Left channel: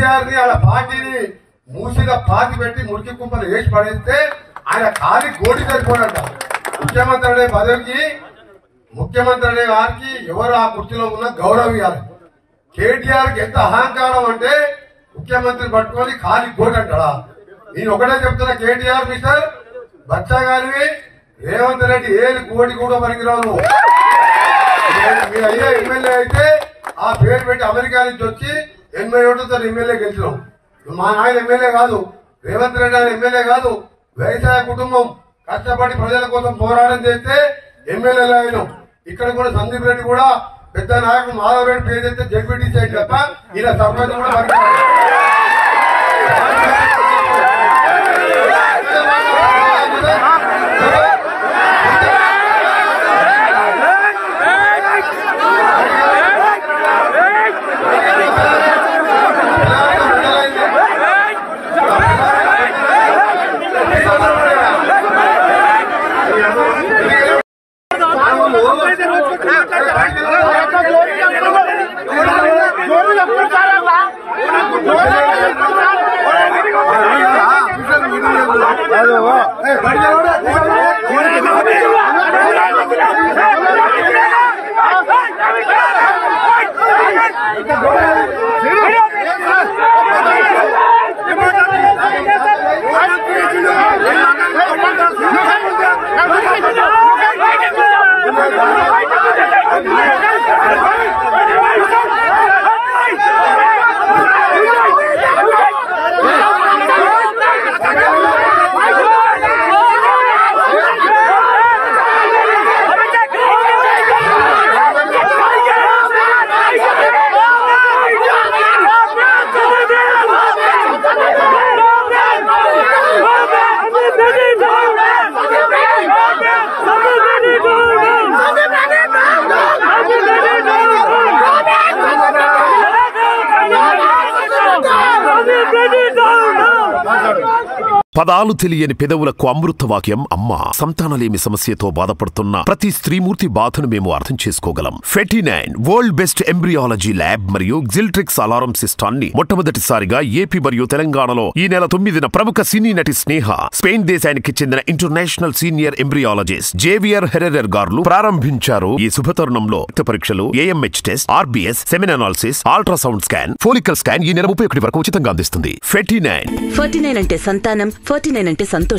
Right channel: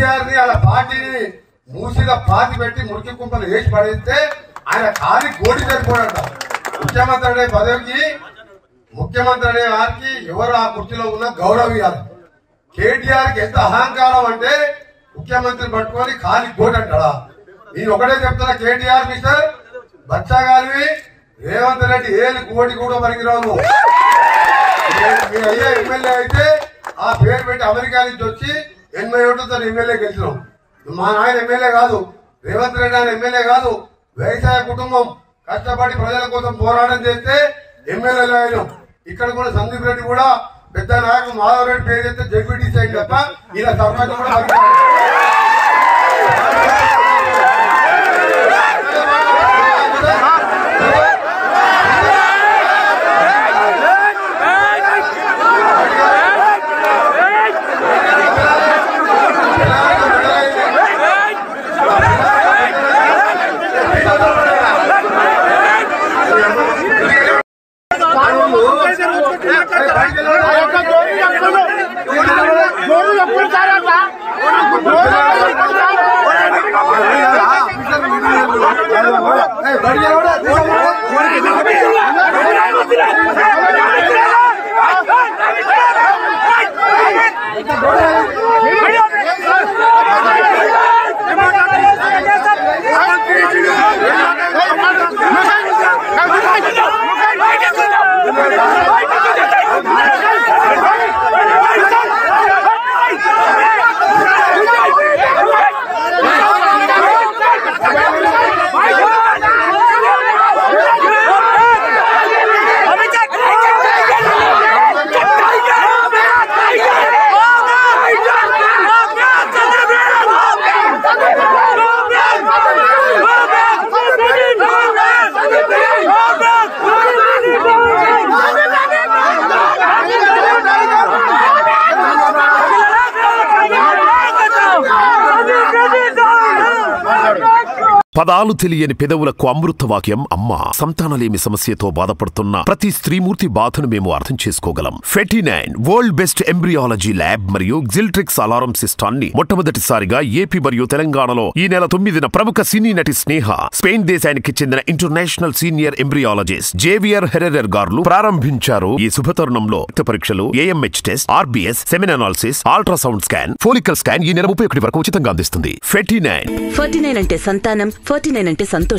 కేసీఆర్ ని అలా పార్టీని మూసిగా పాతి పెట్టి మురికి కుంపలు వేసి పడేస్తే ఆయన ఖాళీ గోడి సరిపోడంట. ముఖ్యమంత్రి అనే పదవికి ముఖ్యమంత్రి అనే వారికి ఎవరు ఆ కుర్చీలో ఉన్న గౌరవం ఇవ్వాలి. కేటీఆర్ కి ఎంత అహంకారం అంటే ముఖ్యమంత్రి పట్టుకొని ఖాళీ గోడి అంటాడా? నేను ఒకటే చెప్తున్నా, కేటీఆర్ మిస్టర్ బచ్చాగారివి రేవంత్ రెడ్డి ఏళ్ళు కోటి కూడా పనికిరావు. మీ అయ్యా ఎమ్మెల్యే అయితే ఆ పేరు పెట్టి అమెరికా నుంచి వచ్చి 87తో ఎమ్మెల్యే గెలిచినాం. మా నాయన ఎమ్మెల్యే కాదు, రేవంత్ రెడ్డి ఆయన ఎమ్మెల్యే కాదు. వ్యవసాయ కుటుంబం కష్టపడి ప్రజల కోసం పోరాటం చేస్తే ఎమ్మెల్యేలు అయినాం. ఇక్కడ కూడా సందీప్ రెడ్డి కూడా పెద్ద నాయకుడు మాధవ్ రెడ్డి పేరు చెప్తే జడ్పీటీసీ అయింది తప్ప ఇలా సర్పంచ్ కూడా పనికిరాదు. పదాలు తెలియని పెదవులకు అమృత వాక్యం అమ్మ. సంతానలేమి సమస్యతో బాధపడుతున్న ప్రతి స్త్రీమూర్తి బాధను మేము అర్థం చేసుకోగలం. ఫెటినైన్ వరల్డ్ బెస్ట్ ఎంబ్రియాలజీ ల్యాబ్ మరియు జిల్ట్రిక్స్ అలారం సిస్టాన్ని మొట్టమొదటిసారిగా ఏపీ మరియు తెలంగాణలో ఈ నెల 9న ప్రముఖ సినీ నటి స్నేహ, స్పెయిన్ దేశానికి చెందిన international senior embryologist Javier Herrera గారు ప్రారంభించారు. ఈ శుభతరుణంలో రక్త పరీక్షలు, AMH test, RBS, సెమిన్ analysis, ultrasound scan, follicle scan ఈ నెల 31 వరకు ఉచితంగా అందిస్తుంది. ఫెటినైన్ అంటే సంతానం, 49 అంటే సంతోషం.